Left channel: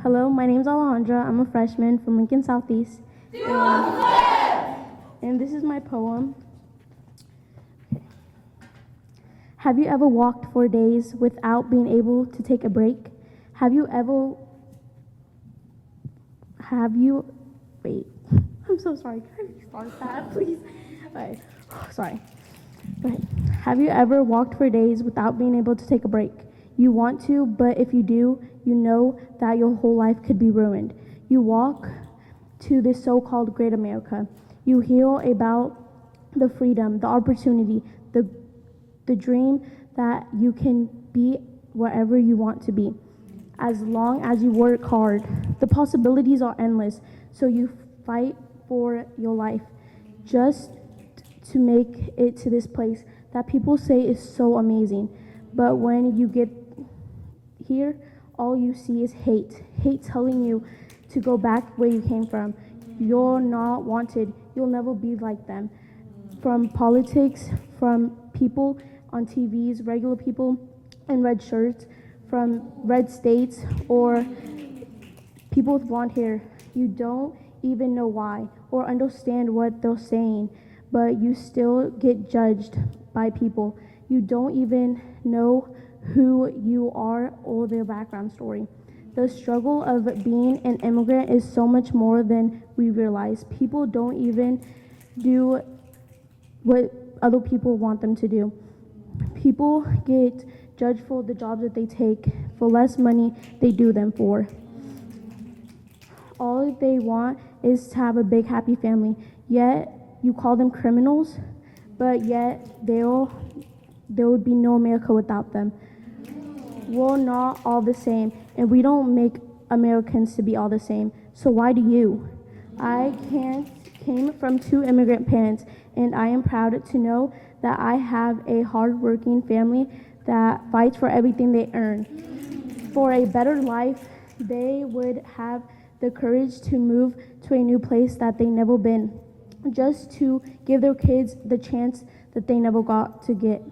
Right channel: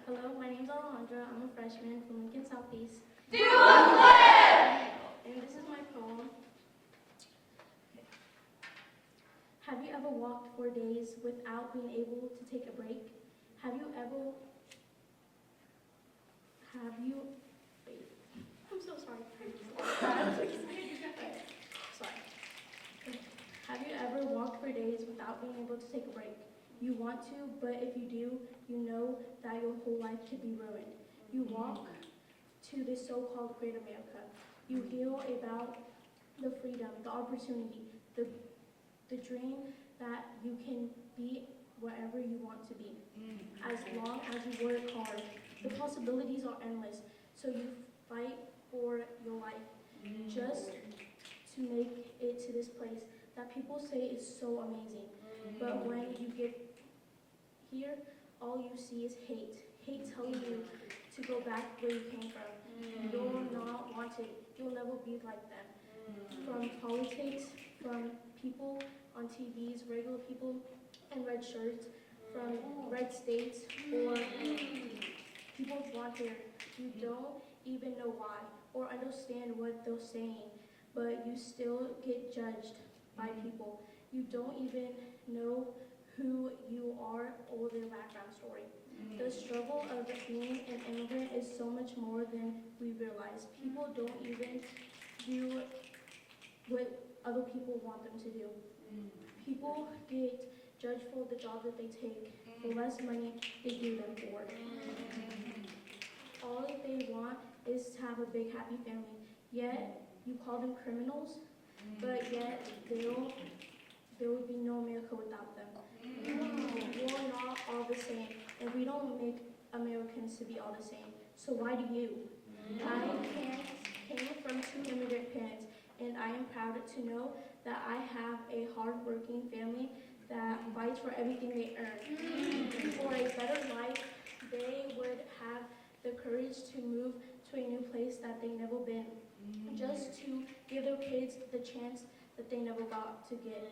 Hello, my name's Alejandra. I'm a freshman from Lincoln Southeast. And this is my poem. Have you ever walked for days without being able to take a break? Wait, I'm so sorry. Can I start that, please? Right. Sorry. Okay. Have you ever walked for days without being able to take a break? You want to, but if you do, you know that your whole life could be ruined. You walk to this so-called great America. You hear about the freedom, the opportunity, the dream that you can be wherever you want to be. As long as you work hard, the possibilities are endless, so you fight for your life just to make it to this place that people say is so amazing. But when you get here, all you see is hate telling you to go back where you came from. You're not wanted. You'll never be like them. From politics, from people on TVs, regular people in red shirts, from red states, or people with blonde hair. You don't even know why or understand what they're saying, but you still get judged by people. You don't even know who you are or their background story. The struggle of being an immigrant is so much more than we realize. People don't even do what other people want them to do. People get judged for the jobs that they take, for less money they do them for. All they want is to have a big happy family, yet you call them criminals, but yet there would be no America without them. We're not all the same, and we don't make Americans to be all the same. So why do you? I came from 2 immigrant parents, and I am proud to know that I have a hard-working family that fights for everything they earn. For a better life, they would have the courage to move to a new place that they never been, just to give their kids the chance that they never got to get,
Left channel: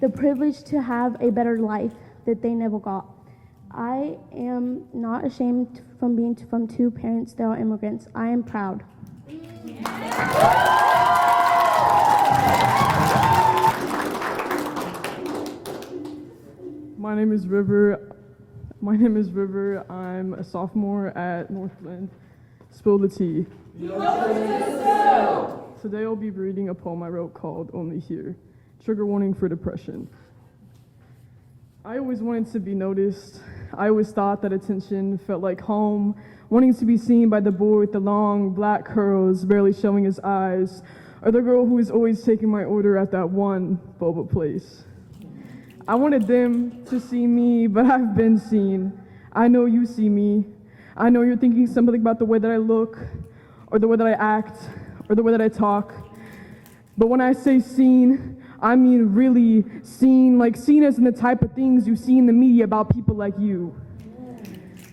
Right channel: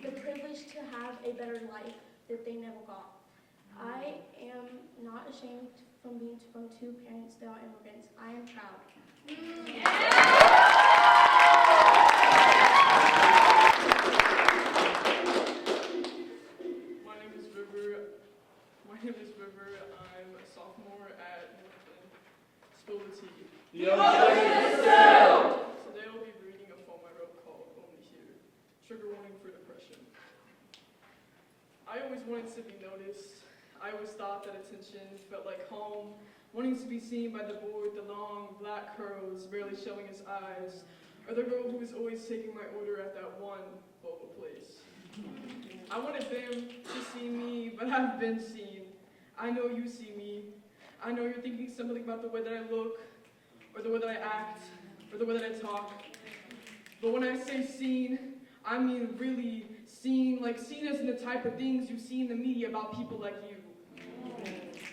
the privilege to have a better life that they never got. I am not ashamed from being from 2 parents that are immigrants. I am proud. My name is River. I'm a sophomore at Northland. Spill the tea. Today I'll be reading a poem I wrote called Only Here. Trigger warning for depression. I always wanted to be noticed. I always thought that attention felt like home, wanting to be seen by the boy with the long black curls barely showing his eyes, or the girl who is always taking my order at that one boba place. I wanted them to see me, but I've been seen. I know you see me. I know you're thinking something about the way that I look, or the way that I act, or the way that I talk. But when I say seen, I mean really seen, like seen as in the type of things you see in the media about people like you.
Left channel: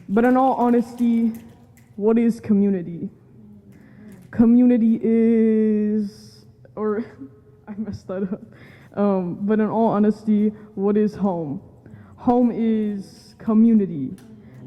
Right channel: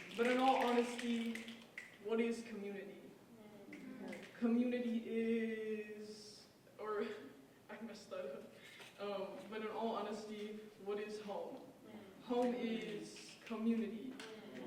But in all honesty, what is community? Community is, or I messed that up. But in all honesty, what is home? Home is community,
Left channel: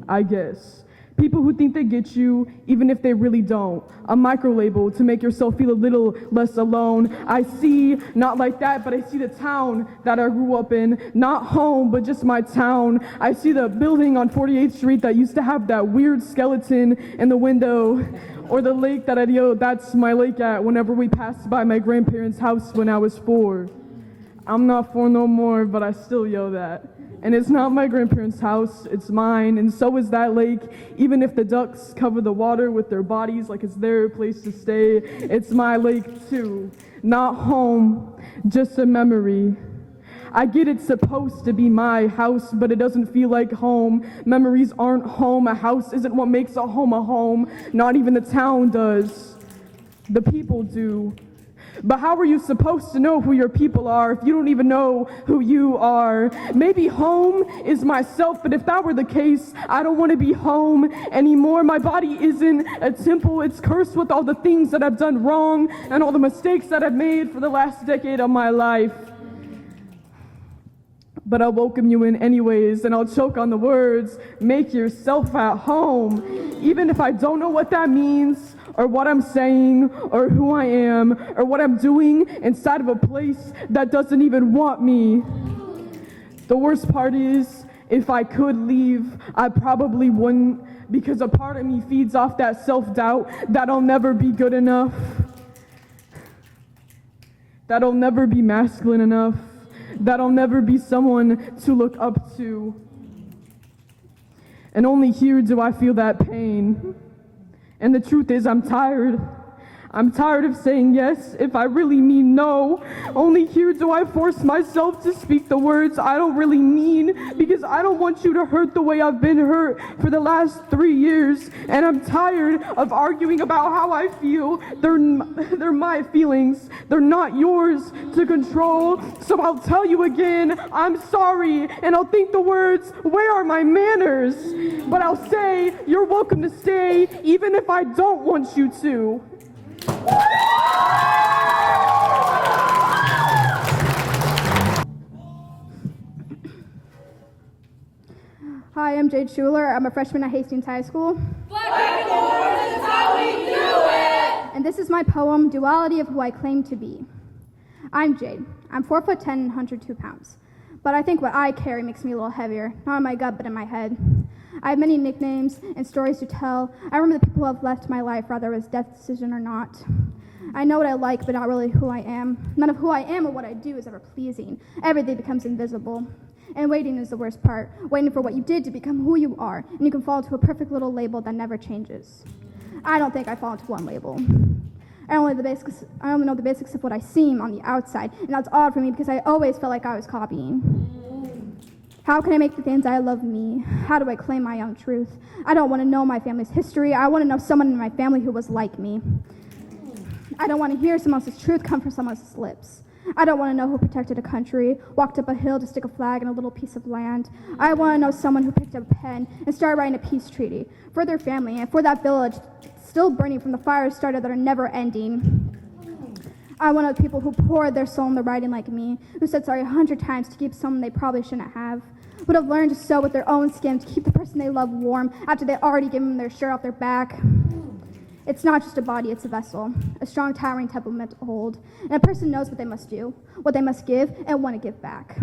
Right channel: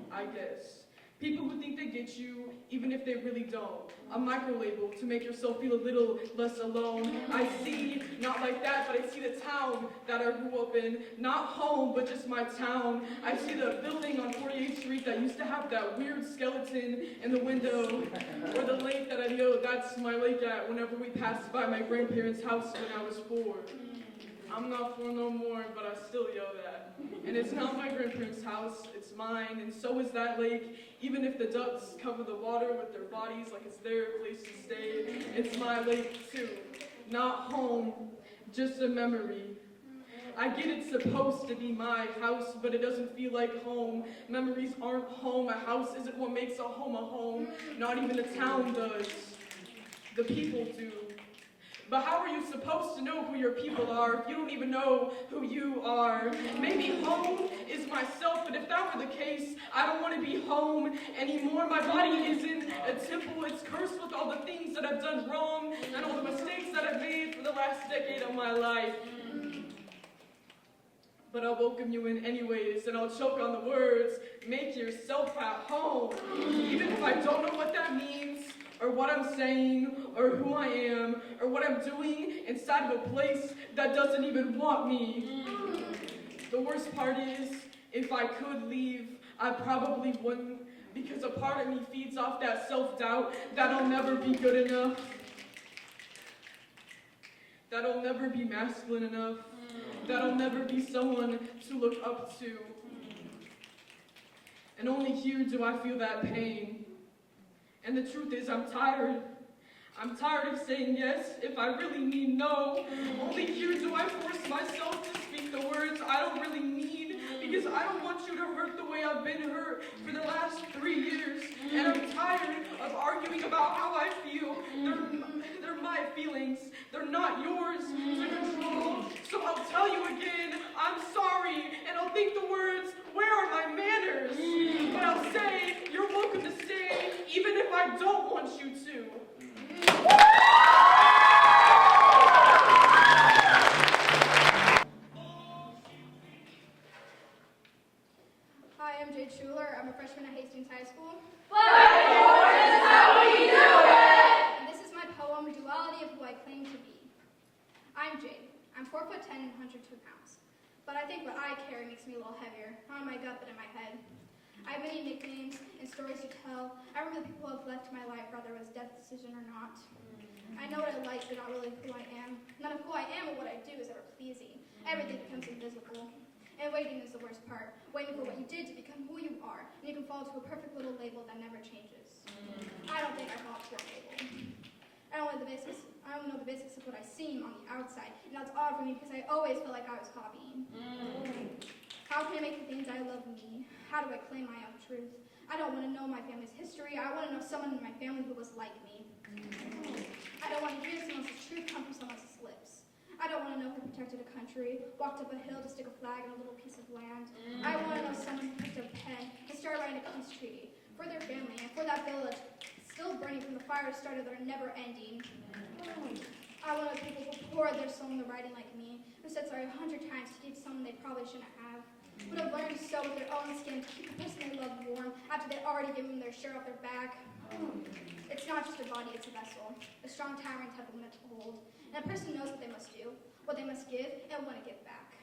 I guess. People who think they get you, even if they really don't. A micro-label to make yourself feel a little less alone. I see, not like that, but I see the town that I grew up in. Not home, but just my town. I see the building on 48th Street that used to have that weird skeleton in the window. Or the lake that I yelled, that's my lake at, whenever we passed by my grandparents' house when I was 4. I'm not 4 no more, but I still yell that. And it's not my grandparents' house, it's mine, and so is that lake. Even if the ducks cover the water with their bodies like it's their place to stay, it's my lake too. Not home, just a memory. I get it's supposed to be my house, but it doesn't feel like home. Memories aren't home. A house isn't what makes a home. Not even the town does. The people do. But how are you supposed to know who your people are if you don't even know who you are? Maybe home is myself, but if that were the case, I don't want to be home anymore. My body isn't a temple. It's cursed with all the things that I've done wrong and all the mistakes that I've made for the last decade of my life. But I'll welcome you in anyways, and I'll choke on the words, make yourself at home. Even if I don't know what that means, or what I'm saying, or who I am, or what I'm doing inside of a place that doesn't even want me. The worst part is, if I could leave, I probably wouldn't, because a part of me feeds off that self-doubt that I'll never be good enough, that I'll never be masculine enough, that I'll never be someone to look up to. And only here do I feel that pain. And the truth is, I'm tired. I'm tired of saying yes if I really mean no. Only here do I force myself to speak the words I don't really mean, because I don't want you to hurt the way I've been hurt for the last 3 years. And I'm tired of arguing about how I feel. They're my feelings. They're not yours to control. So I'll tell you again, I'm sorry. And I'll think the words, where are my manners? But I'll say, you're welcome to stay, even if I don't want you to. Hi, I'm Jade Schuler. I'm a freshman at Hastings High School. And this is my poem, Duality of Who I Claim to Be. I'm Jade. I'm 4'10" and 102 pounds. But I think what I carry makes me a little heavier, not in my gut, but in my head. I have many nicknames and stories to tell. I remember the people who have left my life, whether it was death decision or not. I know what I like, but not really who I am. None of who I am or what I do is ever pleasing. Everything becomes invisible. And waiting is the worst part, waiting for what you did to become who you are, and you can fall into a perfect little label that never changes. I don't think I fall into one label. I only know the basics of what I seem on the outside, and that's odd for me because I always felt like I was copying. How can I make the things I love me? How do I claim my own truth? I don't want to know my family's history. I want to know someone in my family who was like me. I don't want to hear someone else's truth come from someone else's lips. I don't want to know who protected a country, walked up a hill to stick a flag in a little piece of land. I want to know someone who picked up a pen and started writing a peace treaty for their family and for that village still burning from the fires started that are never ending. I want to know people who poured their soul in the writing like me, who said sorry 100 times to keep someone they probably shouldn't have, would have learned to sew with their own skin to keep the person they love warm after they already given them their shirt off their back. It's not just a body, it's a vessel, a strong, towering temple meant to hold. And a person knows what they must do, what they must give, and want to give back.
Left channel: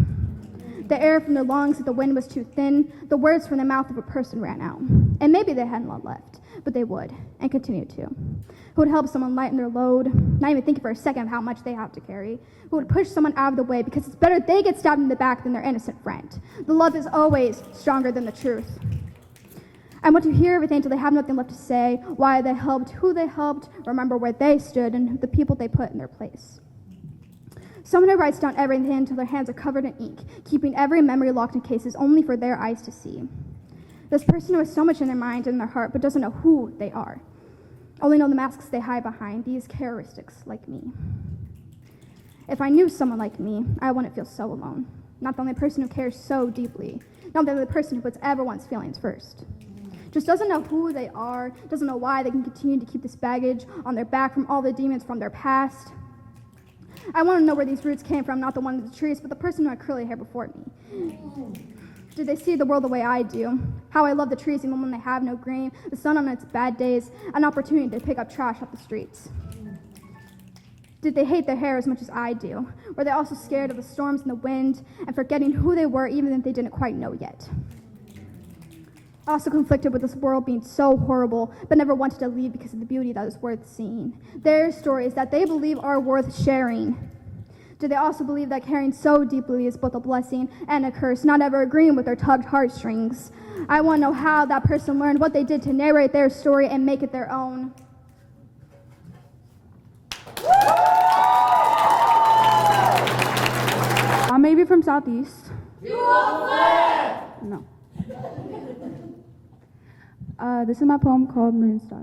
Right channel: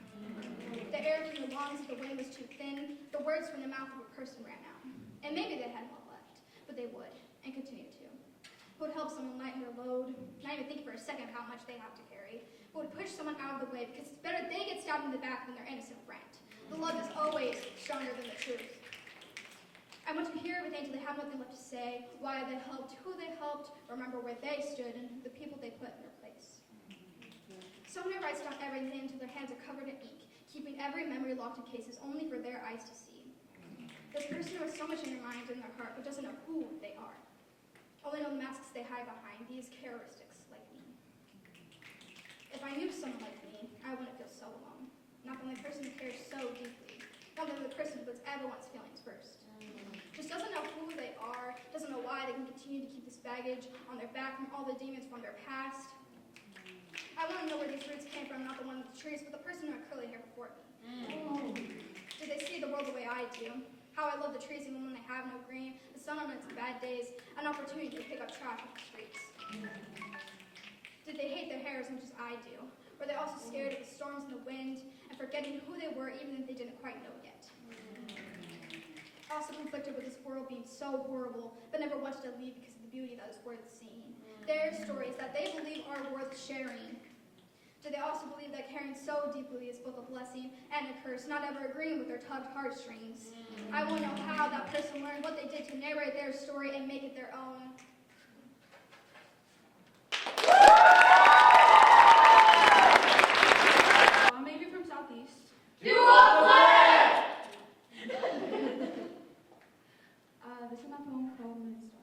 The air from their lungs, if the wind was too thin, the words from the mouth of a person ran out. And maybe they hadn't a lot left, but they would, and continue to. Who would help someone lighten their load, not even thinking for a second of how much they have to carry. Who would push someone out of the way because it's better they get stabbed in the back than their innocent friend. The love is always stronger than the truth. I want to hear everything until they have nothing left to say, why they helped, who they helped, remember where they stood, and the people they put in their place. Someone who writes down everything until their hands are covered in ink, keeping every memory locked in cases only for their eyes to see. This person who has so much in their mind and their heart, but doesn't know who they are. Only know the masks they hide behind, these characteristics like me. If I knew someone like me, I wouldn't feel so alone. Not the only person who cares so deeply. Not the only person who puts everyone's feelings first. Just doesn't know who they are, doesn't know why they can continue to keep this baggage on their back from all the demons from their past. I want to know where these roots came from, not the one in the trees, but the person who had curly hair before me. Do they see the world the way I do? How I love the trees even when they have no green, the sun on its bad days, an opportunity to pick up trash off the streets. Did they hate their hair as much as I do? Were they also scared of the storms and the wind and forgetting who they were even if they didn't quite know yet? Also conflicted with this world being so horrible, but never wanted to leave because of the beauty that is worth seeing. Their stories that they believe are worth sharing. Do they also believe that caring so deeply is both a blessing and a curse, not ever agreeing with their tugged heartstrings? I want to know how that person learned what they did to narrate their story and make it their own. I may be from Southeast. No. This is my poem called Moon Star.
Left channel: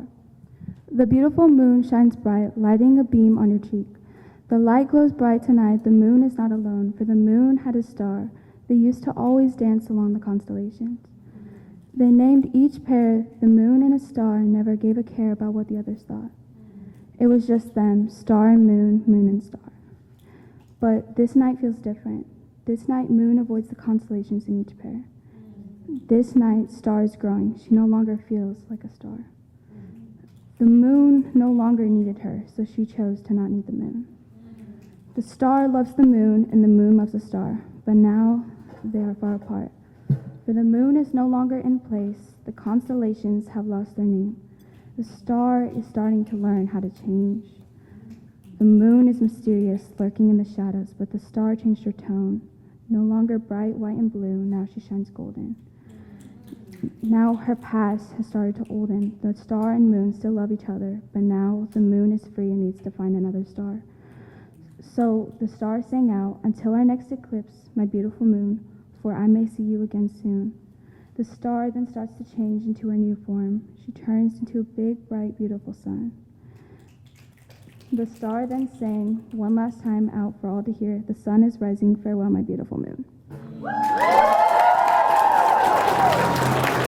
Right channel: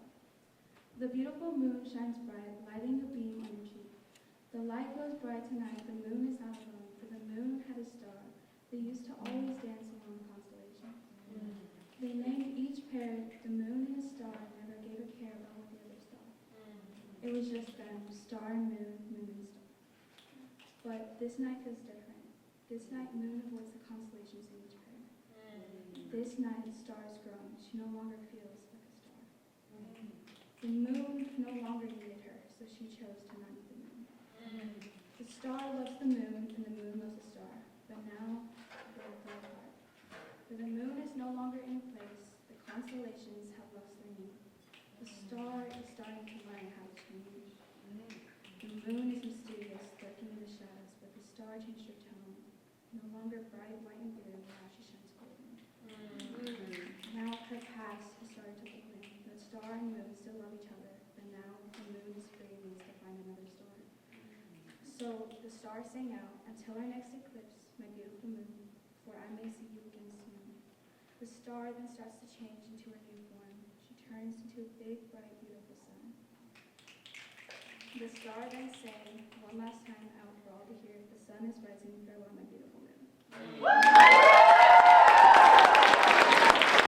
The beautiful moon shines bright, lighting a beam on your cheek. The light glows bright tonight, the moon is not alone, for the moon had a star. They used to always dance along the constellations. They named each pair the moon and a star and never gave a care about what the others thought. It was just them, star and moon, moon and star. But this night feels different. This night moon avoids the constellations in each pair. This night star is growing. She no longer feels like a star. The moon no longer needed her, so she chose to not need the moon. The star loves the moon, and the moon loves the star, but now they are far apart. For the moon is no longer in place, the constellations have lost their name. The star is starting to learn how to change. The moon is mysterious, lurking in the shadows, but the star changed her tone. No longer bright white and blue, now she shines golden. Now her past has started to olden. The star and moon still love each other, but now the moon is free and needs to find another star. So the star sang out, until our next eclipse, my beautiful moon, for I may see you again soon. The star then starts to change into a new form. She turns into a big, bright, beautiful sun. The star then sang one last time out for all to hear, the sun is rising, farewell, my beautiful moon.